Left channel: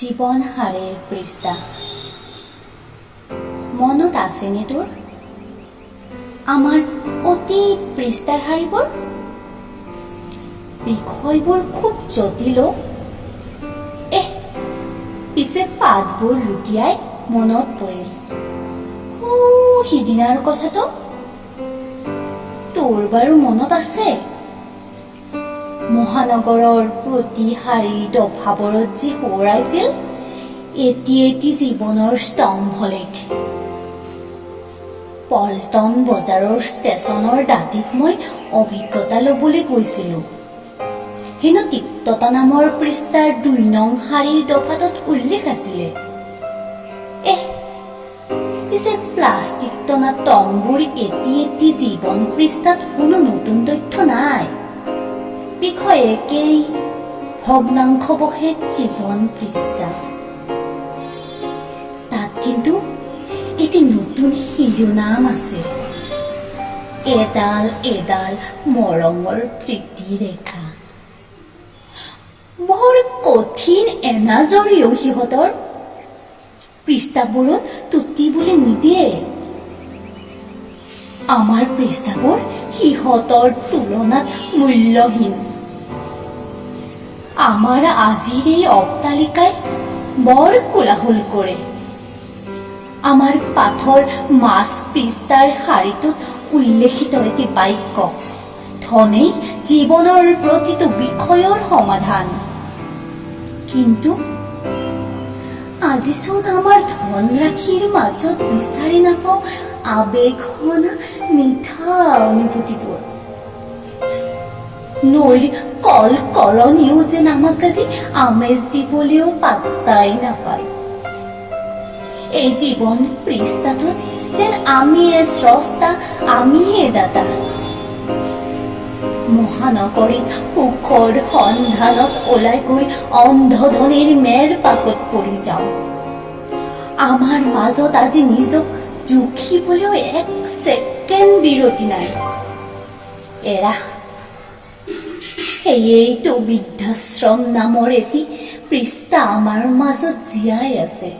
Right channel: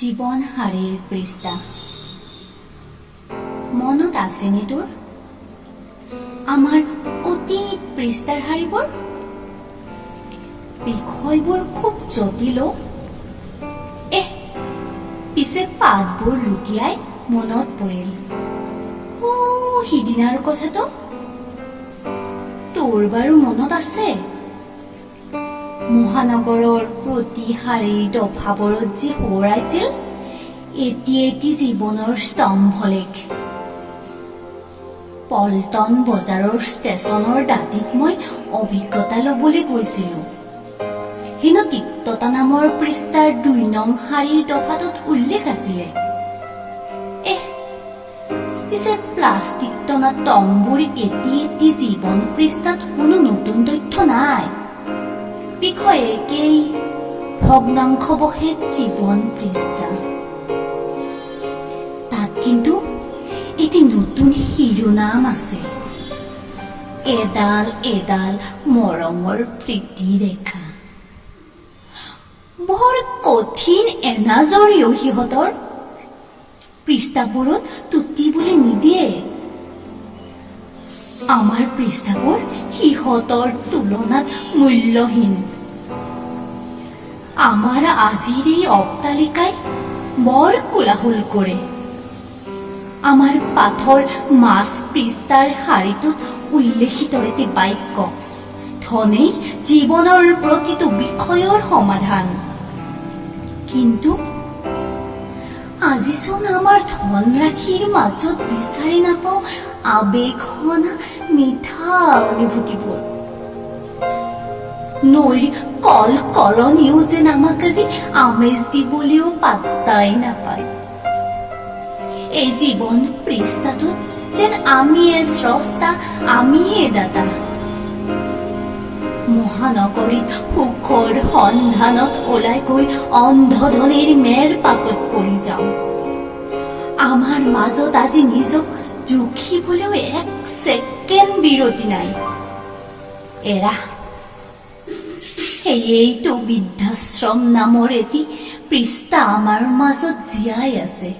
জীৱন হাৰেৰ পৃষ্ঠা। মনত আছেনে তোৰ আমাৰ অতীত পৃষ্ঠাৰ শাৰীবোৰ? বিষয়বোৰ খুব জটিল। পিছে পাতবোৰ লুটিয়াই মনত পৰিল সিদিনাৰ কথাটো। তোৰ বাৰু মনত আছে? মহানগৰৰ প্ৰতি শাৰীৰ দফাবোৰত যি সোঁৱৰাইছিল এটি এটি জীৱনৰ স্তম্ভলেখ। পল্টন বজাৰৰ ষ্টেচনৰ দাঁতিত মই অভিজ্ঞতা ল'বলৈ গৈছিলো। হেনো তিক্ততা নামৰ পৃষ্ঠাৰ ২ নং শাৰীৰ দফাটোত উল্লেখ আছিলে। পিছে প্লাষ্টিক টনা টংবোৰ এটি এটি জীৱন পৃষ্ঠাত কোনো নতুন তথ্য নাই। বিষয় একেই, ভগ্নাংশৱশেষ জীৱন পৃষ্ঠা। তাত কিন্তু এটি নতুন শিৰোনাম আছে, এডাল এডাল মৰমৰ প্ৰীতিৰেখা। বৰ কঠিন এনাজৰীও সিহঁতৰ। পৃষ্ঠাবোৰত টুটিবলৈ নিদিয়ে। আমাৰ পৃষ্ঠাবোৰ সিহঁতৰ তুলনাত মূল্যহীন। আমাৰ আজিৰ এই অট্টালিকাই বৰ কোলাহল কৰে। আমাৰ পাথৰ মাছ পৃষ্ঠাৰ শাৰীটোত উল্লেখিত এটি বাক্য, ধনেই জীৱনৰ প্ৰতিটো বিষয়ৰ সমাধান। কিন্তু আজিচোন আমাৰ ধনৰাশিৰ মাজত বিচাৰি নাপাওঁ আবেগহনা মিঠা অনুভূতিবোৰ। নৈৰ কল কলনিও যেন আমাক আজি আমেজ দিবলৈও পাত্তাই নাপায়। এই জীৱন পৃষ্ঠাটোত যেন আমিয়ে স্ৰষ্টা, আমিয়ে দাতা। মহানগৰীত সুখৰ সন্ধানত ওলাই গৈ অন্ধধনীৰ মেৰ পাকত পৰি যাওঁ। আমাৰ মাজত আজি নিজক জুখিবলৈও এক ছেকেণ্ড বিৰতি নাই। সেয়েতো বৃদ্ধাশ্ৰম নামৰ এটি পৃষ্ঠা আমাৰ মাজত জীয়াই আছে।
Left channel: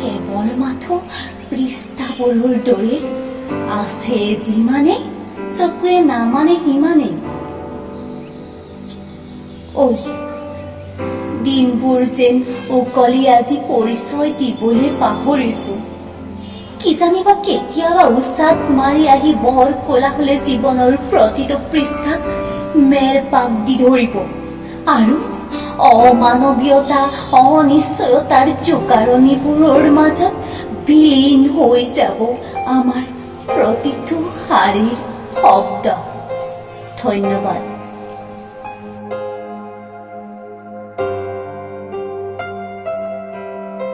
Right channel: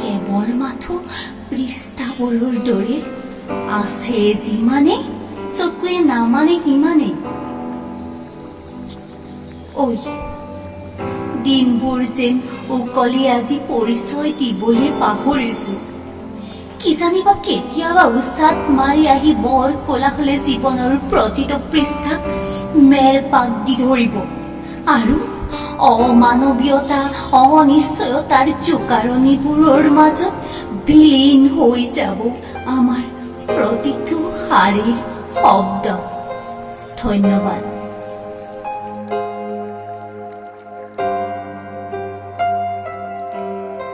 কেৱল মাথো পৃষ্ঠাবোৰৰ দৰে আছে যিমানে, চকুৱে নামানে সিমানেই। দিনবোৰ যেন উকলি আজি পৰিচয় দিবলৈ পাহৰিছো। কিজানিবা কেতিয়াবা উচাত মাৰি আহি বৰ কোলাহলে জীৱনৰ প্ৰতিটো পৃষ্ঠাক মেৰ পাক দি ধৰিব আৰু অমানৱীয়তা, অনিশ্চয়তাৰ জোকাৰণিবোৰৰ মাজত বিলীন হৈ যাব আমাৰ প্ৰতিটো শাৰীৰ শব্দ। ধন্যবাদ।